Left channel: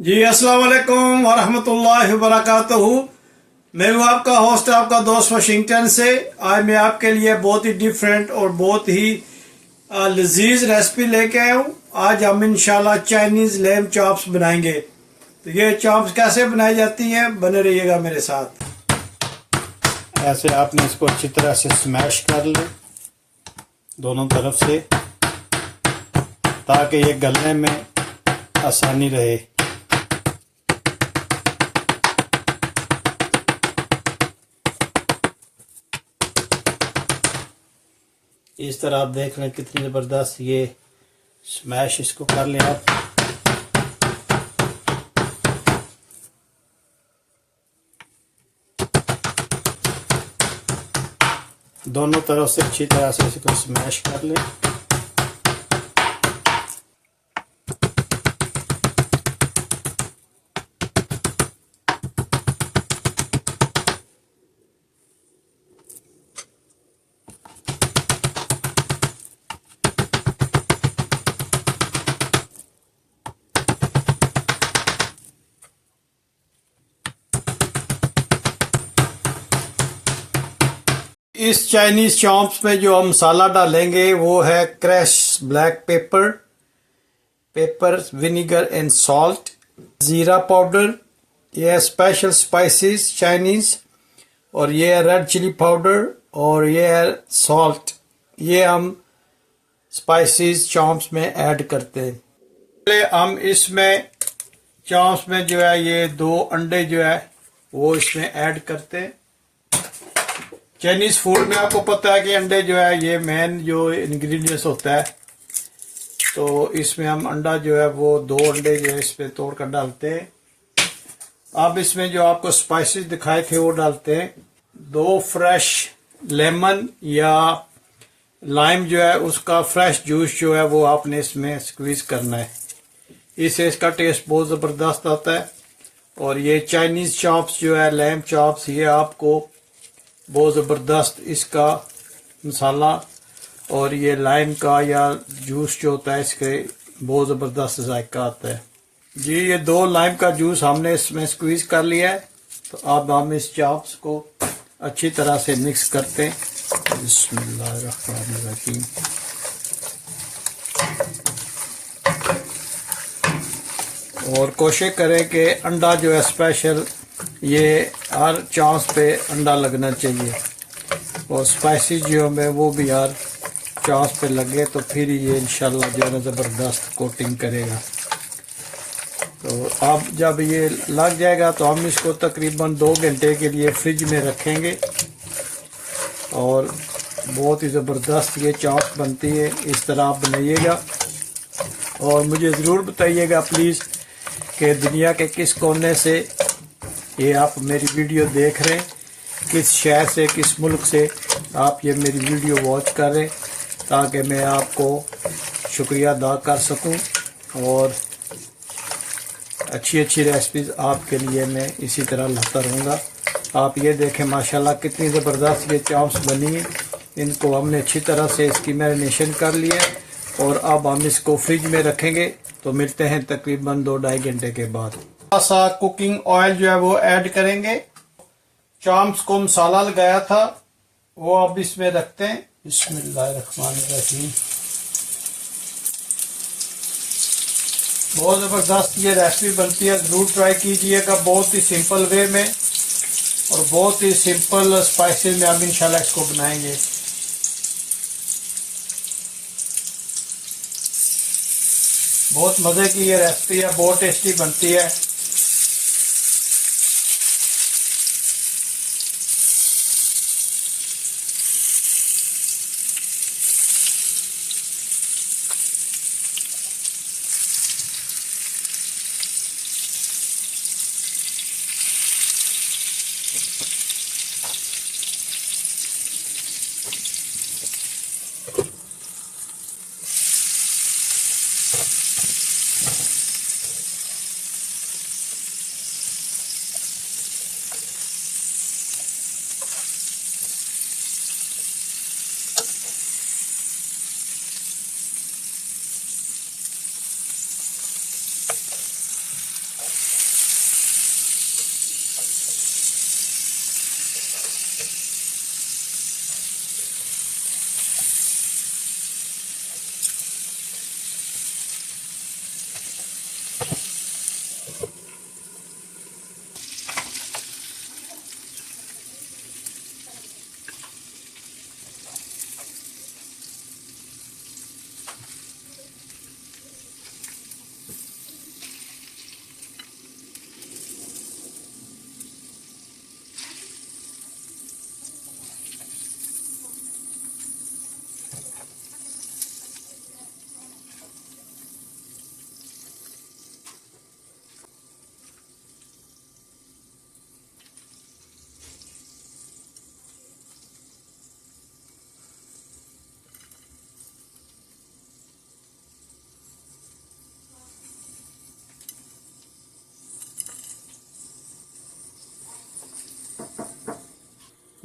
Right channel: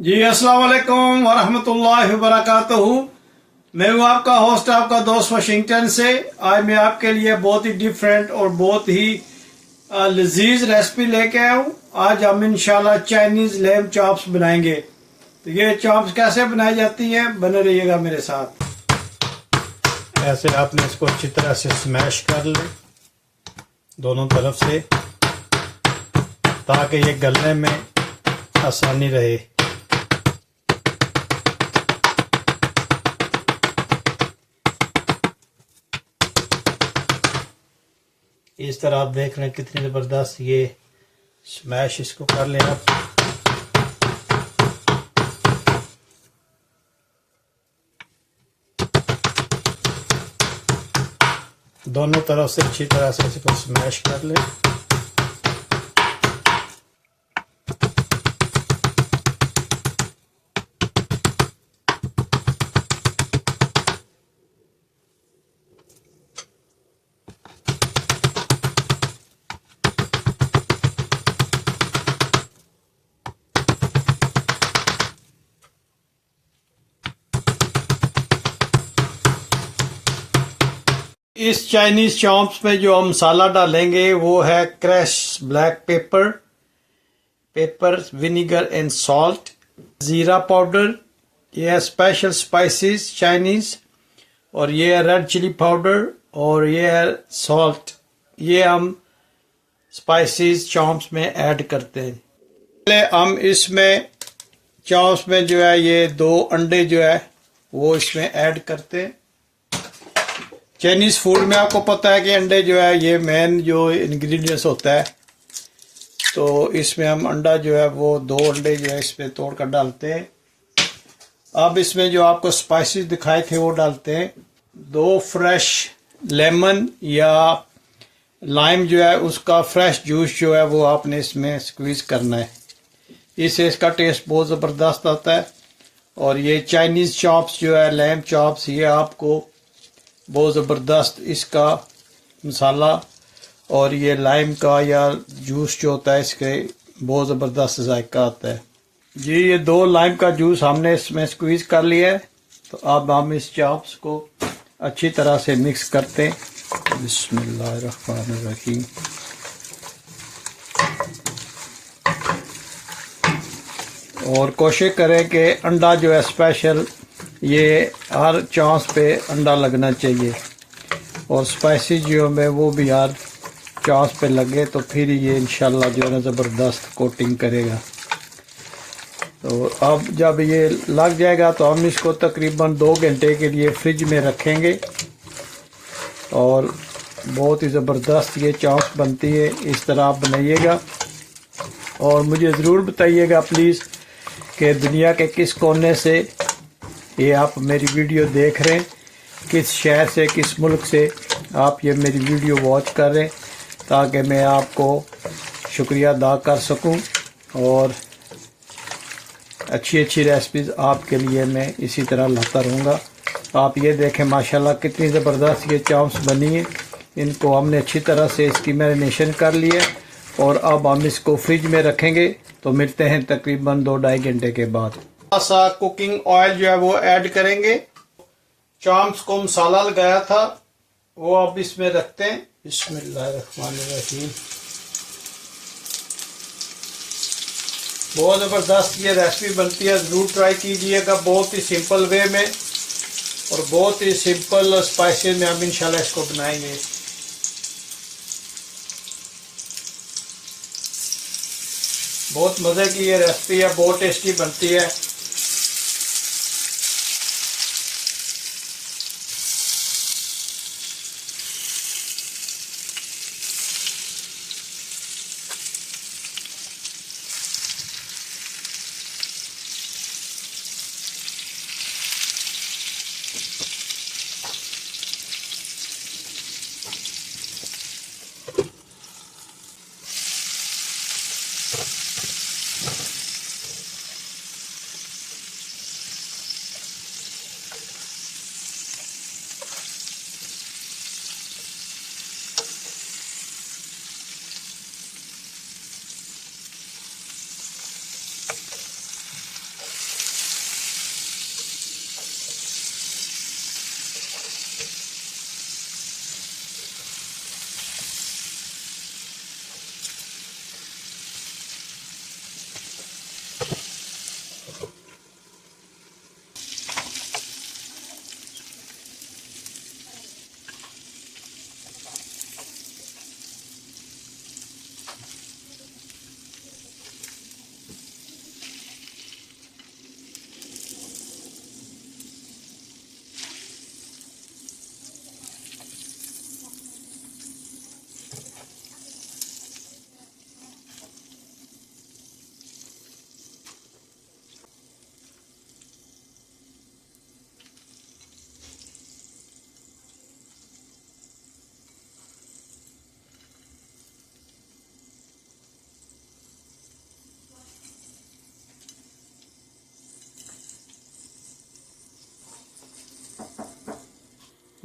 जी अस्सलाम वालेकुम वरहमतुल्लाहि वबरकातुहू। मैं हूँ आपका होस्ट, आपका दोस्त वाशिंगटन से। आज मैं आपके लिए बहुत ही डिफरेंट और बहुत ही लजीज रेसिपी लेके आया हूँ। आज हम इंशाल्लाह चाइनीज लैम चॉप्स बनाएंगे। तो ये चॉप्स कैसे बनाई जाती हैं, बने रहिएगा मेरे साथ। ऐसे आपने इसको अच्छी तरह से स्मैश कर ले दोनों तरफ से, ताकि ये गलने में आसानी रहे। इस तरह आप देख रहे हैं कितनी ज़बरदस्त ये स्मैश इसको कर लें आप। दोनों तरफ से अच्छी तरह से इसको स्मैश कर लें। इस चाइनीज चॉप्स में जो हम मसाला डालेंगे वो है crush black pepper, vinegar and salt, ज़ीरा पाउडर, ये है स्पेशल स्पाइसेस चाइनीज, और ये है रेड चिली पाउडर, और ये है सॉल्ट। ये हम स्पाइसेस चॉप्स में ऐड करते हैं। पहले हम इसमें चॉप्स में जो है ये 2 अंडे जो है वो इसमें ऐड करते हैं। चाइनीज फूड में आपको पता है कि अंडे जो है ये मेन जो इंग्रेडिएंट्स होता है। तो इसमें हम अंडा जो है वो 2 अंडे जो है इसमें तोड़ कर डालते हैं। अब इसमें जो आपको स्पाइसेस दिखाए थे वो डालते हैं। 2 फ्रेश लेमन या लाइम जो है उसका फ्रेश जूस जो है वो आपने इसमें स्क्वीज करना है। इससे इसका टेस्ट बहुत ज़बरदस्त आता है। और ये चाइनीज चॉप्स जो है लैम चॉप्स, ये आपको बहुत ज़बरदस्त इसका मसाला और ये लाइम का या जूस जो होता है इसके बहुत ज़बरदस्त जायका आता है। जी ये 2 लाइम का जूस हमने इसमें स्क्वीज कर लिया है। तो अब हम इस चॉप्स को अच्छी तरह से मिक्स करते हैं। बिस्मिल्लाहिर्रहमानिर्रहीम। और कोशिश करें कि अंडा जो है स्पेशल ये हर चांस पे अंडा लगना चाहिए, और स्पाइसेस जो है वो भी हर चांस पे लगे, तो फिर ये इंशाल्लाह जो है ना ज़बरदस्त कोटिंग करेगा। तो अब जब ये लग जाएगा तो हम इसको तकरीबन 2 घंटे के लिए फ्रिज में रखेंगे, और बहुत ही ज़बरदस्त ये चांस बनती है। इस तरह आप बनाइएगा और मुझे ज़रूर बताइएगा प्लीज़ कि दुनिया के किस कोने से ये आप मेरी वीडियो देख रहे हैं, किस शहर से, किस मुल्क से आप ये मेरी वीडियो वॉच कर रहे हैं, ताकि मैं आपको शुक्रिया अदा कर सकूं और अच्छी अच्छी रेसिपीज़ आपके लिए मैं इसी तरह लाता रहूँगा। आप ये देखें माशाल्लाह कितनी ज़बरदस्त ये चॉप्स बनी है। इनको हमने अच्छी तरह से इसकी मैरिनेशन कर लिया है, और अब हम इसको फ्रिज में रखेंगे। तो मिलते हैं तकरीबन 2-2.5 घंटे के बाद। थोड़ा सा कुकिंग ऑयल जो है वो ऐड करेंगे। चॉप्स को मसाला लगाया था वो अब इसमें रखते हैं। बिस्मिल्लाहिर्रहमानिर्रहीम। बहुत ज़बरदस्त ये रेसिपी बनती है, ज़रूर ट्राई कीजिएगा। बहुत ही सिंपल वे में और बहुत ही सिंपल स्पाइसेस में हम इंशाल्लाह इसको बनाएंगे। बहुत मज़े की ये रेसिपी है, बहुत टेस्टी बनती है।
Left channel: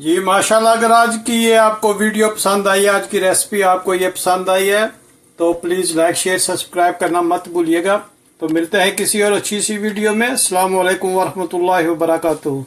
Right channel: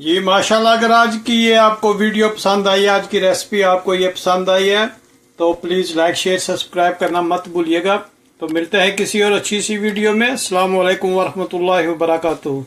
जी माशाल्लाह, अगर आज की ये आपको वीडियो पसंद आई, आज की रेसिपी आपको ये पसंद आई है तो प्लीज़ लाइक शेयर सब्सक्राइब करना मत भूलिएगा। तो मिलते हैं किसी और अच्छी सी वीडियो में। अस्सलाम वालेकुम वरहमतुल्लाहि वबरकातुहू।